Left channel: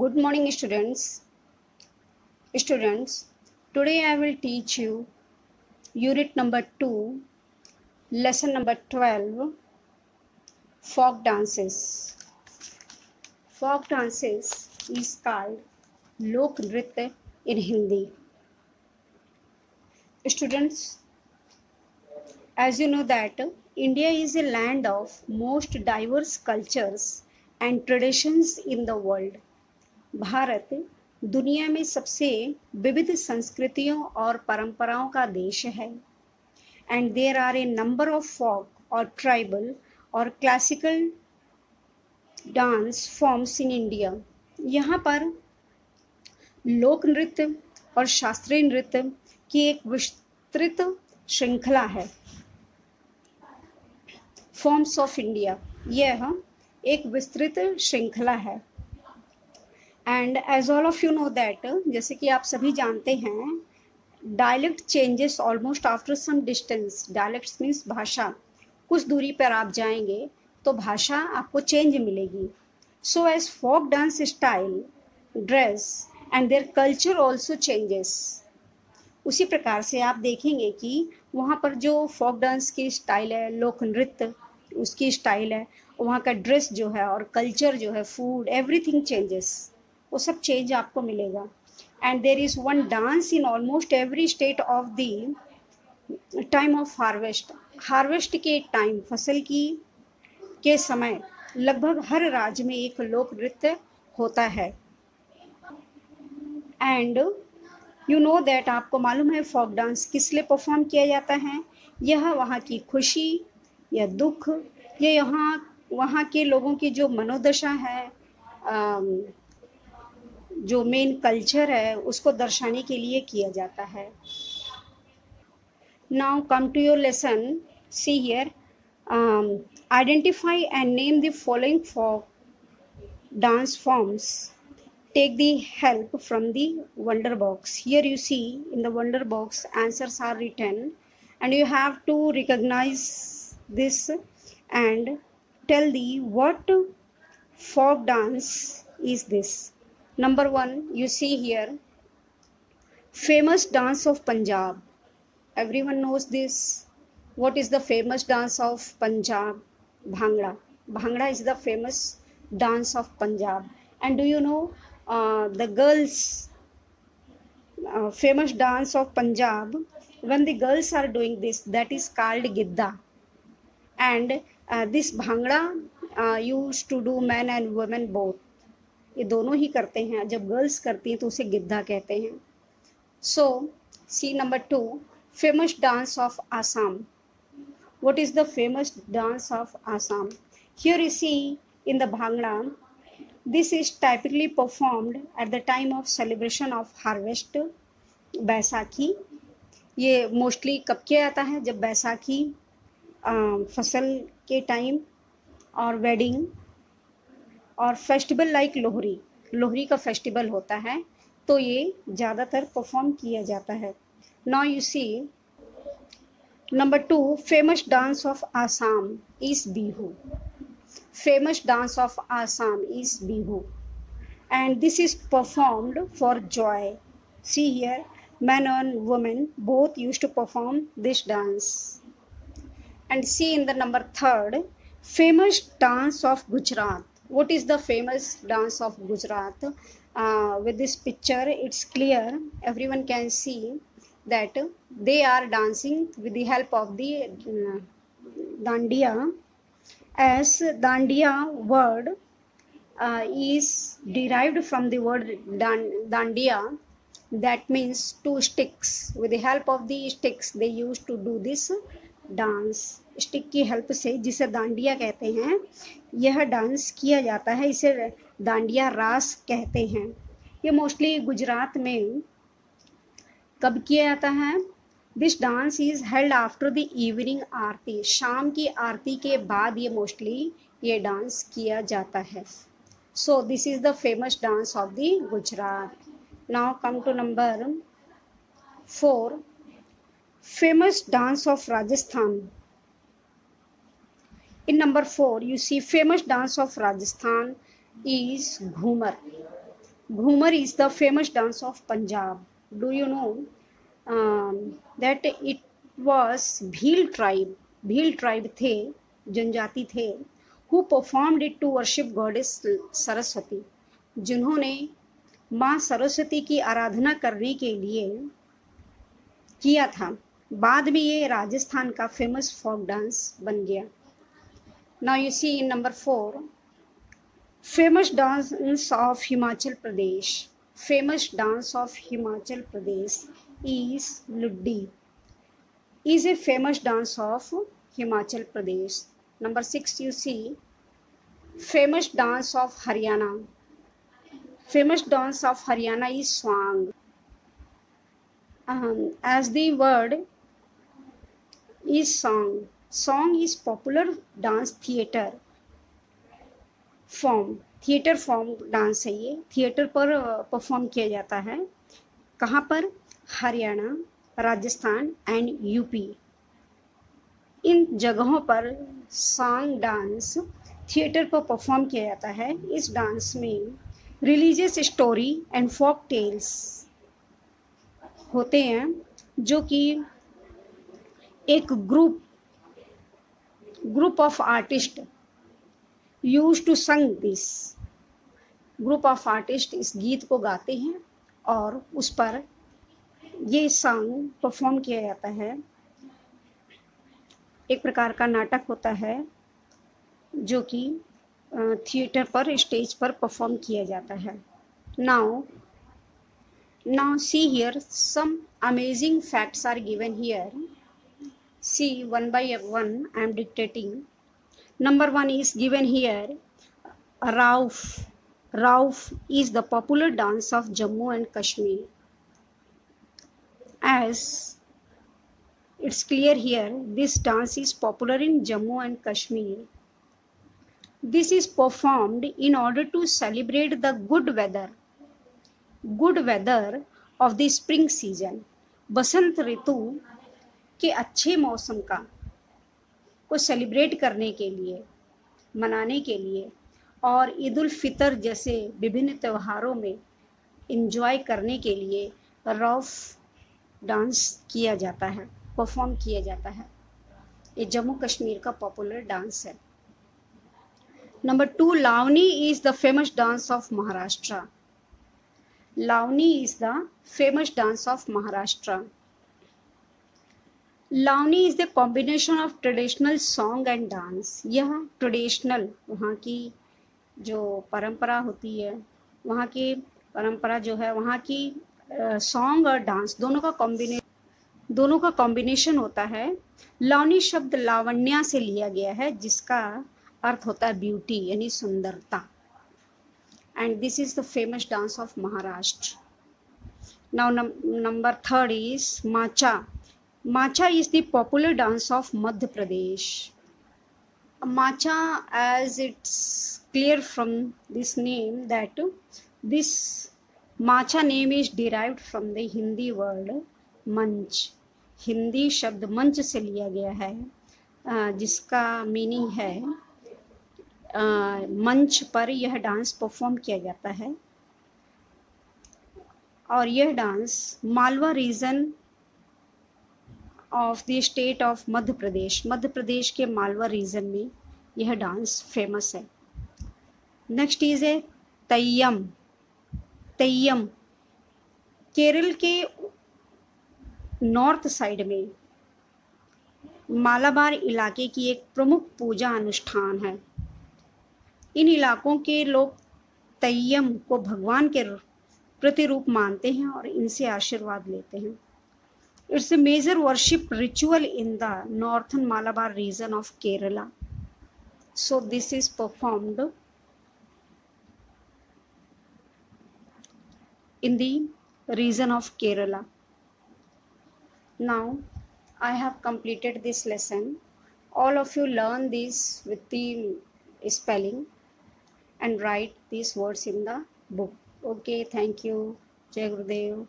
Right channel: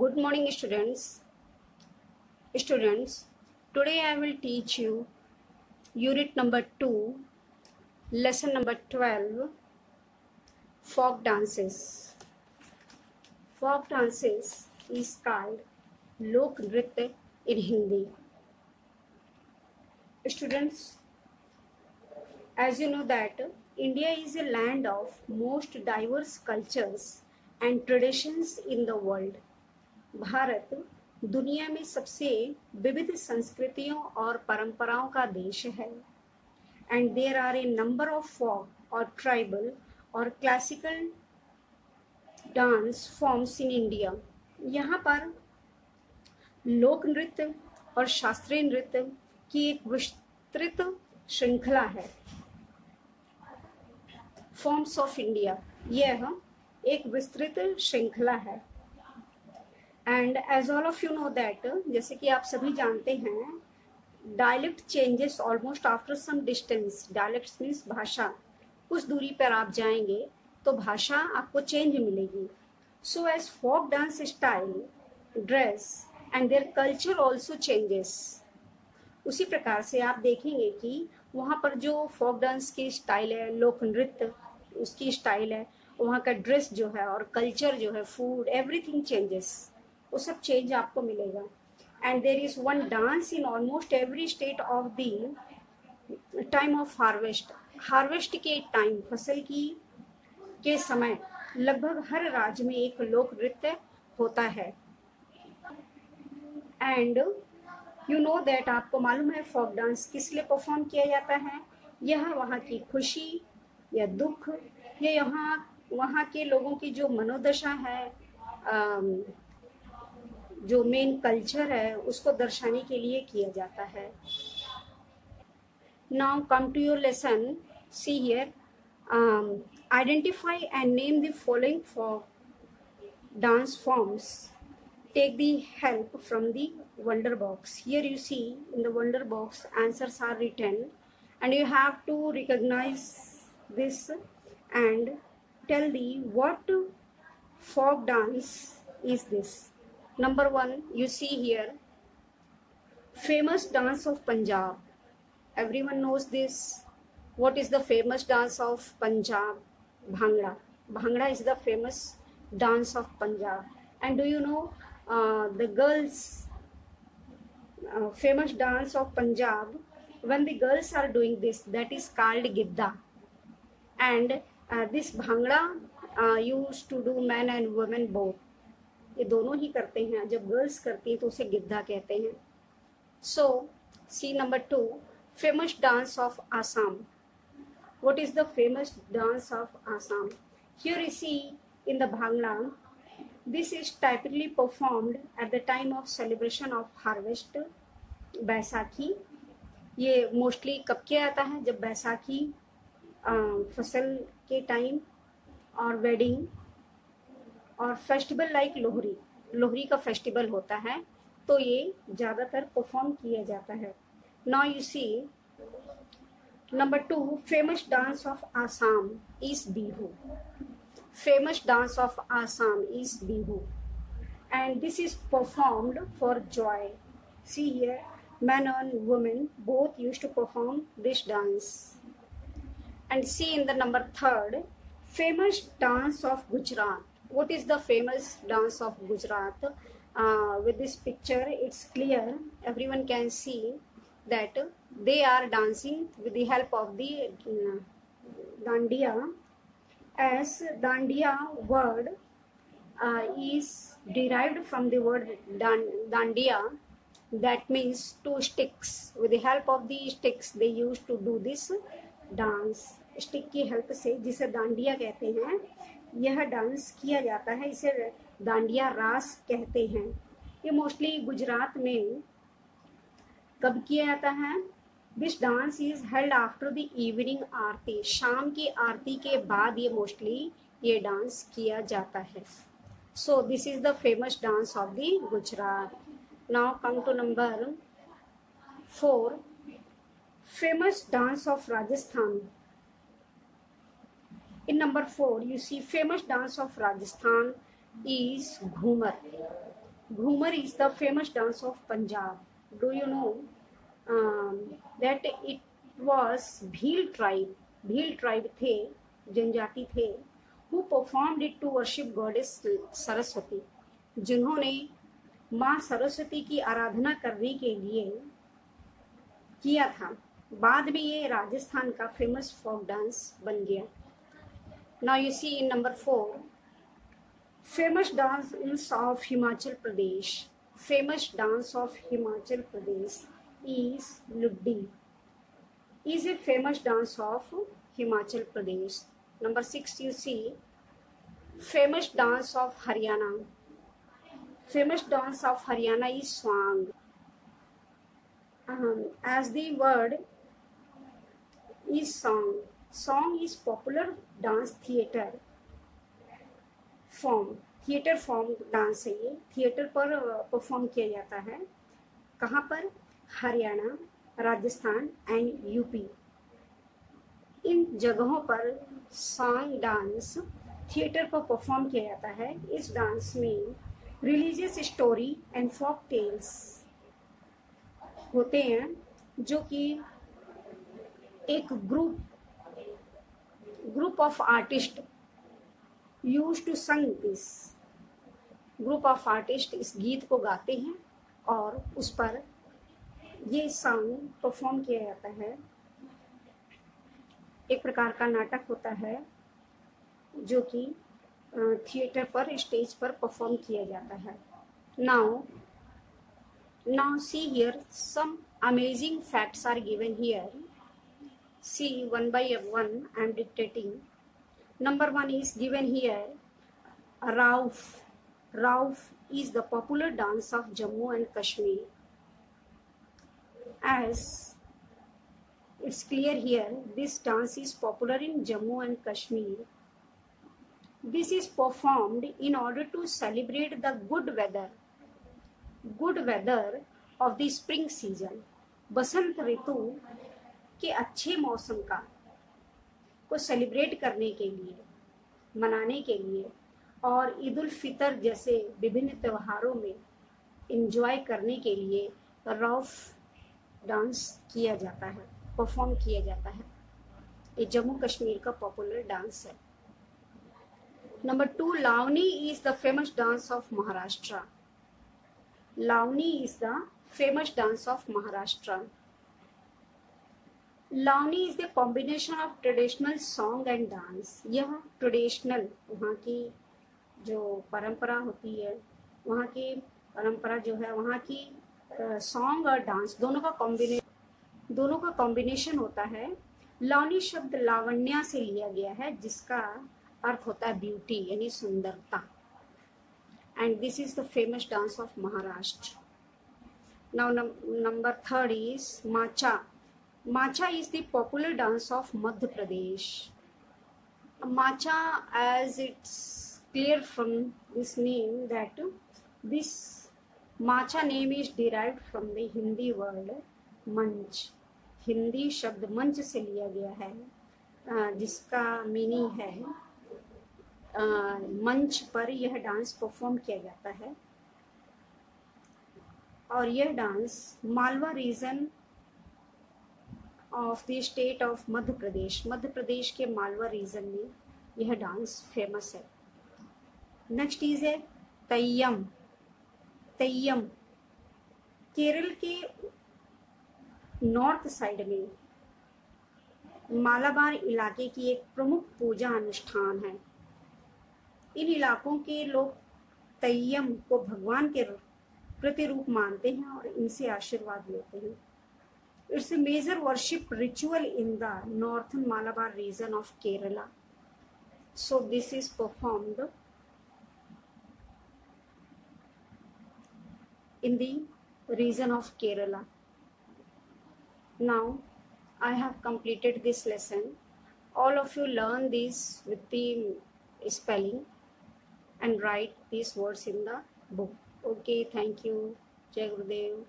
Good morning, students. Students, today I will teach you unit number 2, lesson number 12, folk dances. Folk dances is called Lok Nritya in Hindi. Students, as you know that India is a land of most diverse cultures and traditions in the world. Bharat दुनिया में सबसे विविध संस्कृतियों और परंपराओं का देश है and there are a number of folk और ट्राइबल और classical dance forms in India. यहाँ पर लोक नृत्य और शास्त्रीय नृत्य की एक विस्तृत श्रृंखला है। फॉर्म्स ऑफ इंडिया, यह एक विस्तृत श्रृंखला है। And as all of you know that, जैसे कि आप सभी जानते हैं, dialect changes almost after some distance. Dialects means भाषा। कुछ दूरी पर आप जाएंगे तो भाषा आपको चेंज मिलेगी। So as folk dance style, dress and their culture also changes. उसी प्रकार से आप देखेंगे कि वहाँ पर जो फोक डांस की स्टाइल है, लोक नृत्य उसकी स्टाइल है, वहाँ का ड्रेस जो है और कल्चर जो है, फूड, एवरीथिंग चेंजेस, वो सब चेंज आपको मिलेगा। And there is one dance in almost every state of the time of harvest. Harvest के टाइम, फसल की के समय लगभग हर राज्य में एक लोक नृत्य होता है। एंड यू नो दैट, आपको मालूम है फोक डांस किस लिए परफॉर्म किया जाता है। यह वहाँ की खुशी या दुख या वहाँ के लोगों की जो मनोदशा है, जो मेन कल्चर है, उसको दर्शाने के लिए किया जाता है। Now come to your lesson. See here, identify and name the following folk dance forms. Take the help from the wonder box. Here you see in the wonder box answers are written and you have to recognize this and tell the what folk dance is this. Number 1, you see here, famous dance of Punjab. Everyone knows this. What is the famous dance of Punjab? Bhangra. Bhangra is the famous dance of Punjab. And do you know the girls famous dance of Punjab? When the girls are doing this, that is called Gidda. And this Bhangra used to do men and women both. ये दोनों ही करते हैं। जब girls करती हैं तो उसे गिद्धा कहते हैं। So C number 2, famous dance of Assam. What is the famous dance of Assam? Here you see in the Bhangra, this is typically performed at the time of celebration of harvest, Baisakhi. ये mostly कब किया जाता है? जब बैसाखी फसल के time, और wedding और फेस्टिवल लाइक लोहरी. लोहरी का फेस्टिवल होता है तो ये ज़्यादातर परफॉर्म किया जाता है. Now you see number 2, famous dance of Assam is Bihu. Famous dance of Assam is Bihu, and this is performed for joy. See here, men and women both used to perform this dance. And see in the number 3rd, famous dance of Gujarat. What is the famous dance of Gujarat? With this picture, it's clear. Everyone can see that they are dancing with the help of the dandiya. As dandiya word is derived from the word dandiya, that means 2 sticks. With the help of the sticks they used to do this dance. Stick की help से, जिसे डांडिया कहते हैं, यह dance किया जाता है. इसे डांडिया रास कहते हैं. ये मोस्टली गुजरात में कब किया जाता है? This dance is held after the evening aarti. शाम की आरती के बाद ये मोस्टली ये डांस किया जाता है. So this is the famous dance of the Gujarat. Now come to number 4, famous dance of Rajasthan. In number 4 you see famous dance of Rajasthan is Ghumar. Ghumar is the famous dance of Punjab. Do you know that it was Bhil tribe थे, जनजाति थे, who performed it to worship goddess Saraswati, जिन्होंने माँ सरस्वती की आराधना करने के लिए किया था. बाद में ये राजस्थान का फेमस फोक डांस बन गया. Now you see in number 4, famous dance of Himachal Pradesh. Famous dance of Himachal Pradesh is Luddi. Is a famous dance of Himachal Pradesh. Number 6 you see, famous dance of Haryana. Famous dance of Haryana is Swang. As the word is song. Song is popular dance theater form. Theatre form dance है ये. Theatre पर perform किया जाता है. कहाँ पर? Haryana, Rajasthan and UP. इन जगहों पर सॉन्ग डांस थिएटर पर परफॉर्म किया जाता है. इस डांस में religious story and folk tales होते हैं, जो कि एक group of artist used to sing this. Group of artist इस गीत को गाते हैं और उस पर ये सॉन्ग परफॉर्म किया जाता है. एक प्रकार का नाटक होता है जो कि थिएटर पर, स्टेज पर परफॉर्म किया जाता है. Now see here, some amazing facts are given here. See one by one I am dictating. Number 1 is given here. Rauf. Rauf is the popular dance of Jammu and Kashmir. As it's clear here, this dance is popular in Jammu and Kashmir. This is performed in order to celebrate the good weather of the spring season. बसंत ऋतु के अच्छे मौसम को celebrate करने के लिए, मनाने के लिए, और ईद उल फितर जैसे विभिन्न त्योहारों में एंजॉय करने के लिए रौफ डांस किया जाता है, परफॉर्म किया जाता है. ये जम्मू कश्मीर का पॉपुलर डांस है. Number 2, Lavani is the famous dance of Maharashtra. Lavani is the famous dance of Maharashtra. Lavani is the combination of traditional song and dance. यह ट्रेडिशनल, वहाँ की जो परंपरा होती है, वहाँ की परंपरा जो है, वहाँ की सॉन्ग और डांस दोनों का कॉम्बिनेशन होता है. लावनी शब्द लावण्या से लिया गया है, जिसका अर्थ होता है ब्यूटी, यानी सुंदरता. And this is the famous dance of Maharashtra. Now number 3 is matcha. Macha is the popular dance of Madhya Pradesh. Macha, as it's clear from this name that this Macha name is derived from the Hindi word मंच. हिंदी शब्द मंच से लिया गया है, जिसका meaning है मंच पर यह डांस परफॉर्म किया जाता है. और यह dance Malwa region of the state of Madhya Pradesh के मालवा रीजन में यह डांस फेमस है. Next is a Theyyam. Kerala के नॉर्थ साइड में मालाबार इलाके की एक प्रमुख पूजा अनुष्ठान है. इन इलाकों के लोग तैयम को भगवान के प्रतिरूप मानते हैं और इनसे आशीर्वाद लेते हैं. It's a major worship ritual in the northern Malabar region of Kerala. So this is performed in the region of Kerala. Now I have completed this lesson. All of you learn this with the spelling and write these words in the book. Okay, thank you. Jai Gurudev.